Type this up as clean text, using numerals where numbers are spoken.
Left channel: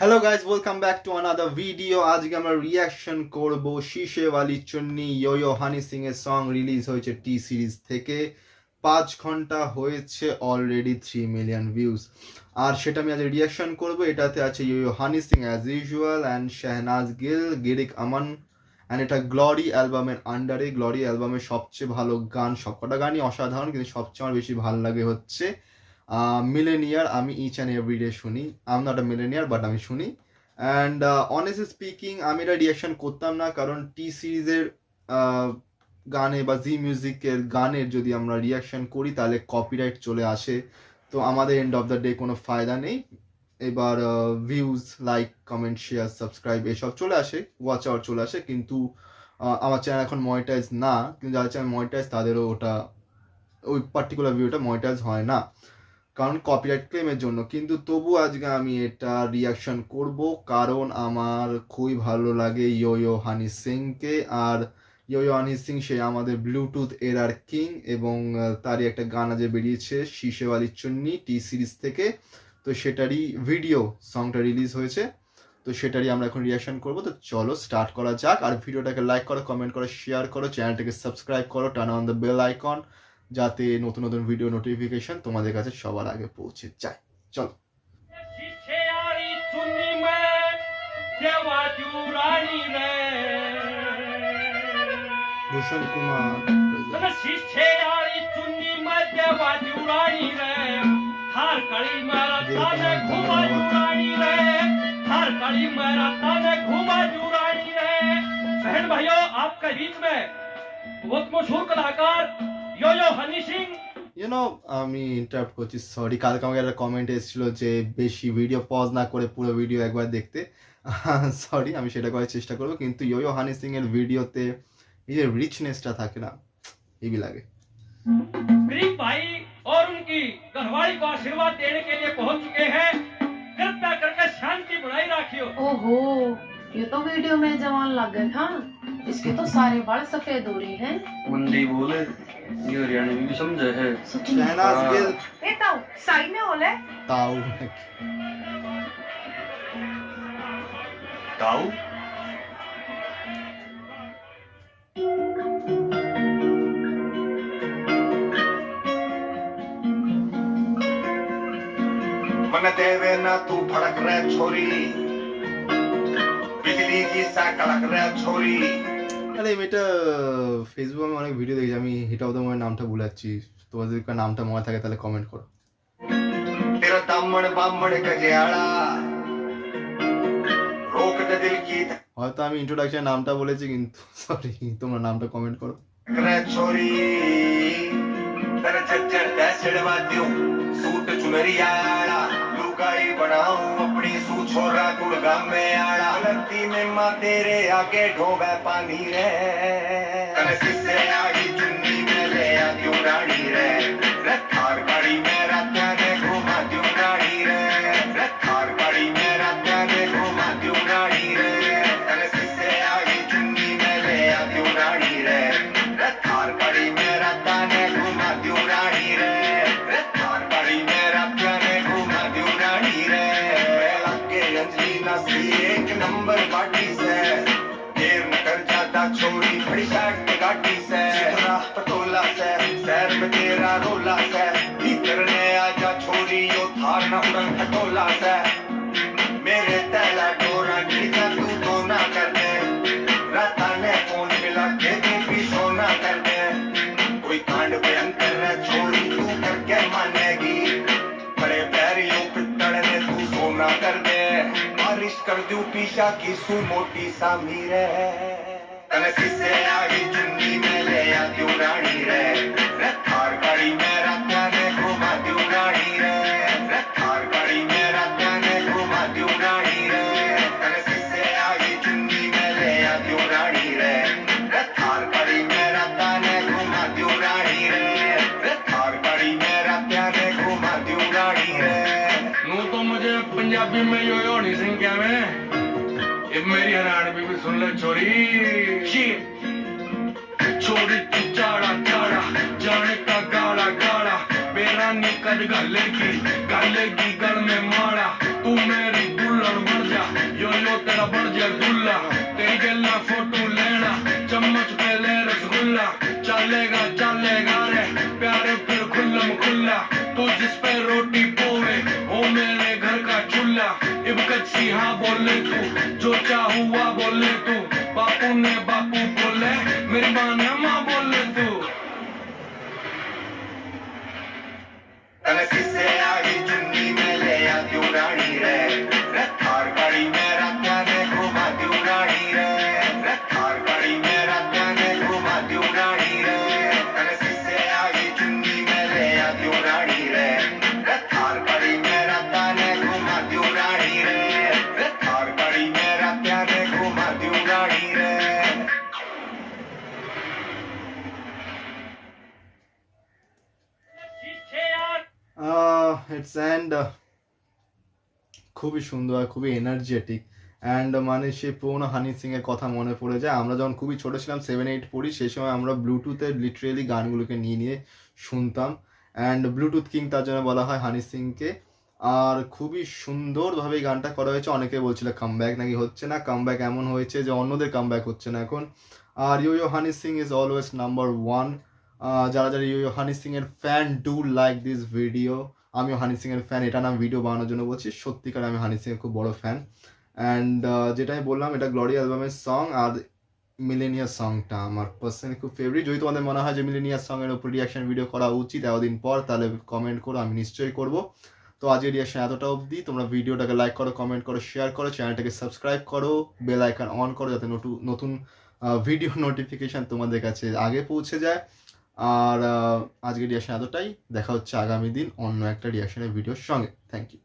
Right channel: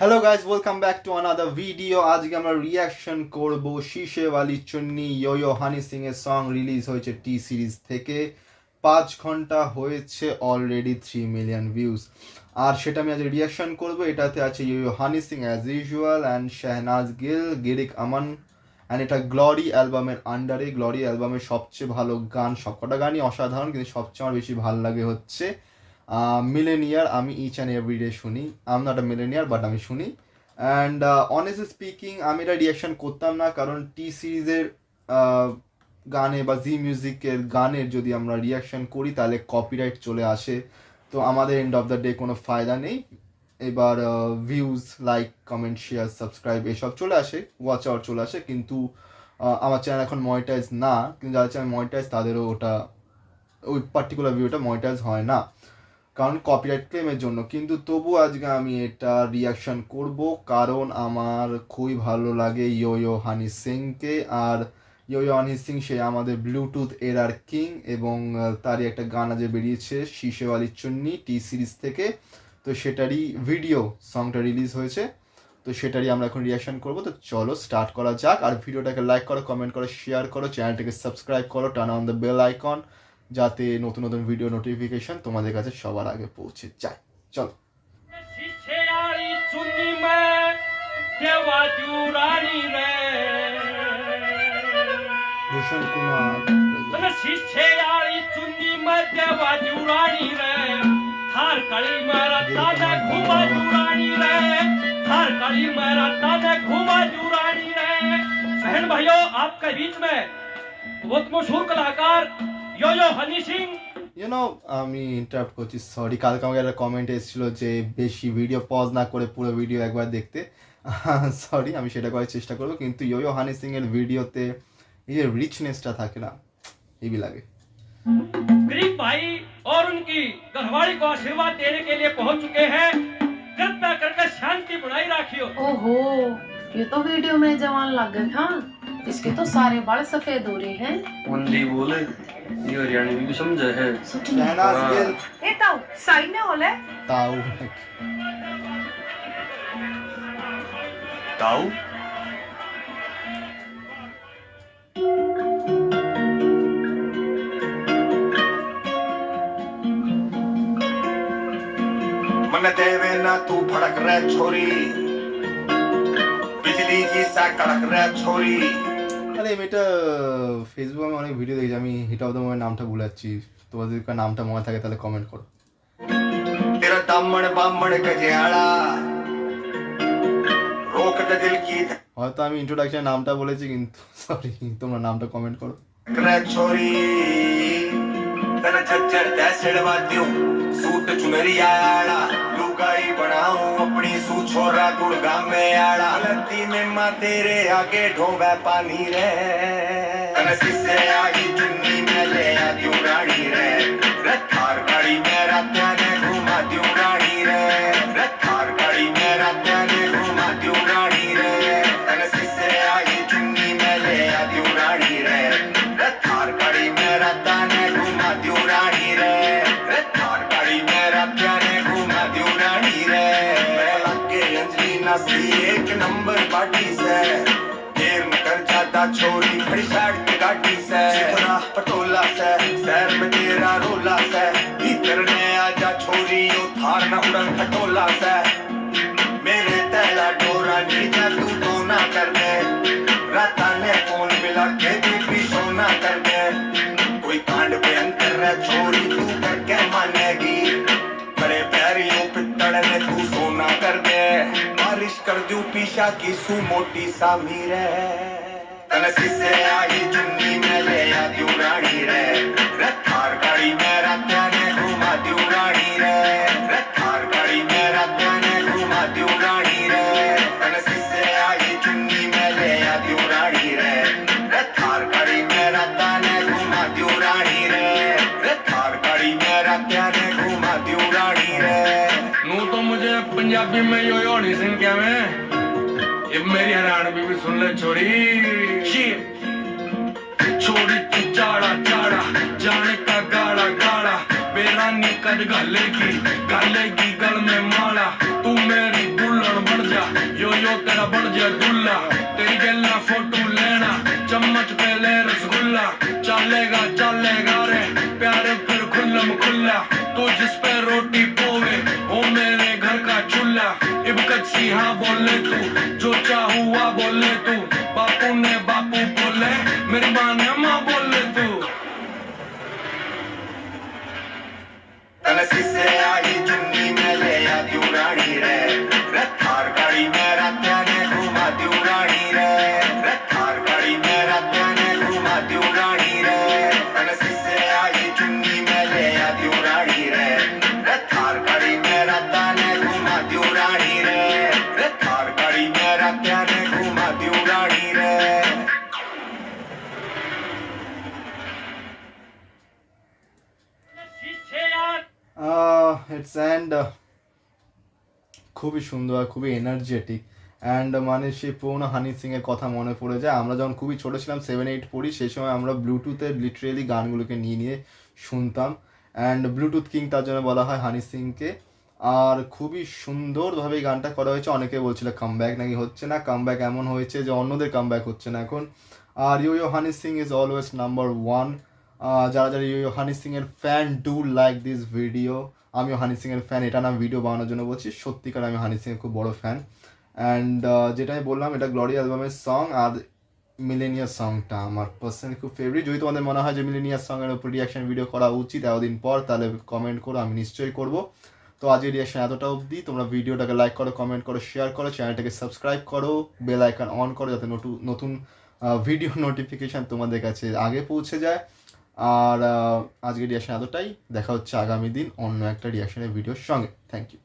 Hello guys, welcome back to another video. আজকে আমরা reaction করব শীশে ওয়ালি চুন্নি ইয়ো হানি সিং এর সং রিলিজ হয়েছে টি সিরিজ থেকে। 5 ঘন্টা হয়েছে, অলরেডি 3 মিলিয়ন ভিউজ। আর সেটা আমি আজ রিয়াকশন করব। এটাতে আছে yo Honey Singh as usual and Shehnaaz Gill, Girik Aman. And এটা গ্লোরি অ্যালবামের আন্ডারে। গ্লোরি অ্যালবামের সবচেয়ে ভালো গান, সবকটা গানই অসাধারণ, কিন্তু সবচেয়ে আমার বেশি ভালো লাগে হচ্ছে মিলেনিয়ার। আমি ইচ অ্যান্ড এভরিডে শুনি। I am not a millionaire, but আমি শুনি। অ্যান্ড অনেস্টলি স্পিকিং আমি এটা রিয়াকশন করতাম না, কারণ টি সিরিজের গানে বা জি মিউজিকের গানের যদি আমরা রিয়াকশন করি তাহলে কপিরাইট চলে আসে। তো আমাদের এন্ড অফ দ্য ডে কোনো ফায়দা নেই। এবার views, like, comment, share, subscribe এসব চলে আসে, ওয়াচ আওয়ার চলে আসে, কিন্তু আমার চ্যানেল এখন মনিটাইজ না। কিন্তু যাদের চ্যানেল মনিটাইজ তাদেরও ওটা, ওই পার্টিকুলার ভিডিওটা মনিটাইজ হয় না, কারণ কপিরাইট ক্লেমের জন্য। কিন্তু তবু আজকে আমি এটা রিয়াকশন করব, কারণ আমার খুবই ভালো লাগে ইয়ো হানি সিংকে। আর ইয়ো হানি সিং সে আমাদের ব্লুটুথ এরার কিং, এবং তারই একটা গান আজ বেরিয়েছে শীশে ওয়ালি চুন্নি টি সিরিজ থেকে। তো সেটারই ভিডিও সংটা রিলিজ হয়েছে, তো সেটারই আমরা এখন রিয়াকশন করব। তো চলো স্টার্ট করা যাক। আর ভিডিওটাকে লাইক করো, কমেন্ট করো, শেয়ার করো, চ্যানেলটাকে সাবস্ক্রাইব করো, turn on the bell icon, যাতে নতুন নতুন ভিডিও নোটিফিকেশন তোমাদের কাছে সবার আগে পৌঁছে যায়। চলো। ভূষণ কুমার बहन भाइयों, आपके बीच में बहुत मशहूर कलाकार यो हनी सिंह। আমি ইন্টারাপ্ট করছি, সরি। কালকে আমাকে একটা কমেন্ট এসেছিলো যে বেশি ভিডিও পজ না করে পুরো ভিডিও একবার দেখতে। সরি, আমি সেটা করার চেষ্টা করবো। কিন্তু ইয়ো হানি সিং এর ভিডিওতে এই যে রিচনেসটা থাকে না, হেভি লাগে। गरीब भाई और उनकी घरवाली को आशीर्वाद देने के लिए पहुंच चुके हैं। कृपया करके शांति बनाए रखियो। ओहो, ये तो वीडियो में जवान लग गए। हाँ, इसके तो सारे बाल सफेद हो रहे हैं। हिंदी बोले ये हरियाणवी भी समझे है। শাহনাজ গিল ए ताऊ साइने होले তাও ताऊ मन देवे ना तू भड़क रहे छोरी, बिजली की सा कड़क रहे छोरी। আরে আমি এটা ফেসবুকে আমি অনেক ভিডিও দেখেছি, আমি হিট অফ দ্য মোমেন্ট নামটা ভুলে যাচ্ছি। তোমাদের যদি নামটা মনে থাকে তাহলে কমেন্ট করো। तेरा दामन बामन गजेड़ा रोक दे दिल की হয়তো আমি ইন্ট্রোডাকশন নামটা বলেছি, কিন্তু সরি, তোমরা নামটা কমেন্ट करो। रहे छोरी। तेरा झज्जर दैसड़वा दियो सूट चुनरी आड़ा, लुगाई बनाऊं अपनी सू छोरा गुड़गा में आड़ा। लती में मां तेरे आगे ढोवे पानी रे, कनसी से आई चुन्नी में ले आ दियो रानी रे। रखार गाड़ी मेरा त्याने घुमा दियो रानी रे, रखार गाड़ी मेरा त्याने घुमा दियो रानी रे। कनसी से आई चुन्नी में ले आ दियो रानी रे, रखार गाड़ी मेरा त्याने घुमा दियो रानी रे, रखार गाड़ी मेरा त्याने घुमा दियो रानी रे। लगे अंजलिना सी एक नंबर गाड़ी से, देर न कर ज्यादा छोड़ी खड़ी साइड पे गाड़ी से। चित्रा पटोला से शहर में तेरा रोला से, भीतर ने आजा छोरी यो थार न उड़न खटोला से। मेरे तैला डोरा नीचा तू तो ना कर दे, राता ने फोन मिला के भी सोना कर दे। कोई कांड पे अंतर है छोरी तू करके मानेगी, बड़े प्यारियों पित्तड़ ने तू सोना कर दे। बारिश कर दूं पीछा की सू मोटी सा मीरे, कनसी से आई चुन्नी में ले आ दियो रानी रे। रखार गाड़ी मेरा त्याने घुमा दियो रानी रे, रखार गाड़ी मेरा त्याने घुमा दियो रानी रे। कनसी से आई चुन्नी में ले आ दियो रानी रे, रखार गाड़ी मेरा त्याने घुमा दियो रानी रे, रखार गाड़ी मेरा त्याने घुमा दियो रानी रे। नू तो मुझे पंजाबी में यो हनी सिंह कहवे, अब मेरी हरियाणवी भी सुन ले छोरी। छोरी तू चाड़ा चाड़ा जाने का गाड़ा गाड़ा, बेरानी कद गालेगी गालेगी गल में माड़ा। तू मेरी दुल्हन बढ़ जा यो तेरा बढ़ गया गुल्ला तेरी गल्ला फोटो लेना चम्मच पे ले रसगुल्ला चलेगा चलेगा रे प्यारे फिर खुल्लम खुल्ला तू जिस पे रोटी पोवे हो मेरे घर का चूल्हा इबकत सी हाँ बोले तू जो चाहुआ बोले तू बापू ने बापू बोले मेरी माँ ने माँ बोले तू तलसी से आई चुन्नी में ले आ क्यों रानी रे थार गाड़ी में रात्या ने घुमा क्यों रानी रे थार गाड़ी में रात्या ने घुमा क्यों रानी रे तलसी से आई चुन्नी में ले आ क्यों रानी रे थार गाड़ी में रात्या ने घुमा क्यों रानी रे थार गाड़ी में रात्या ने घुमा क्यों रानी रे शीशे यार ইটস অ্যান্ড খুবই সুন্দর আর খুবই এনার্জেটিক অ্যান্ড মানে সেই পুরোনো হানি সিংয়ের কথা মনে পড়ে যায়। আমরা যখন খুবই ছোটো ছিলাম 7-8 পড়ি সেই সময় আমরা ব্লুটুথে লিটারেলি গানগুলোকে নিয়ে নিয়ে শুনতাম অ্যান্ড ব্লুটুথ কিং তার জন্য বলা হয় হানি সিংকে। আর খুবই সুন্দরভাবে এই গানটা করা হয়েছে। অনেকে বলছিল কামব্যাক নাকি হচ্ছে না, কামব্যাক এমন হয়েছে যে অন্যদের কামব্যাক হচ্ছে না এখন। আর ইয়ো Honey Singh is always number 1। যারা যারা ইয়ো হানি সিংয়ের fan do like this video. আমিও হানি সিংয়ের ফ্যান, এটা না আমি ভিডিও বানানোর জন্য বলছি, সত্যিকার আমি হানি সিংয়ের খুব বড় ফ্যান। অ্যান্ড যেটা আমি বললাম এটা গ্লোরি অ্যালবামের সং। আর মিলেনিয়াস সংটা আমার পার্সোনালি খুব ফেভারিট। যদি তোমাদের মনে হয় যে মিলেনিয়াস সঙের উপর রিয়াকশন ভিডিও করা উচিত এতদিন পর, তাহলে কমেন্ট করো, আমি নিশ্চয়ই করব। তো আজকের রিয়াকশন এতটা অবধি। তোমরা ভিডিওটাকে লাইক করো, কমেন্ট করো, শেয়ার করো, চ্যানেলটাকে সাবস্ক্রাইব করো, বেল আইকন অন করো যাতে নতুন ভিডিও নোটিফিকেশান তোমাদের কাছে আগে পৌঁছে যায়। আর আজকের রিয়াকশন এতটাই। দেখা হচ্ছে আগামী দিন অন্য একটা রিয়াকশনের ভিডিওর সঙ্গে। Thank you.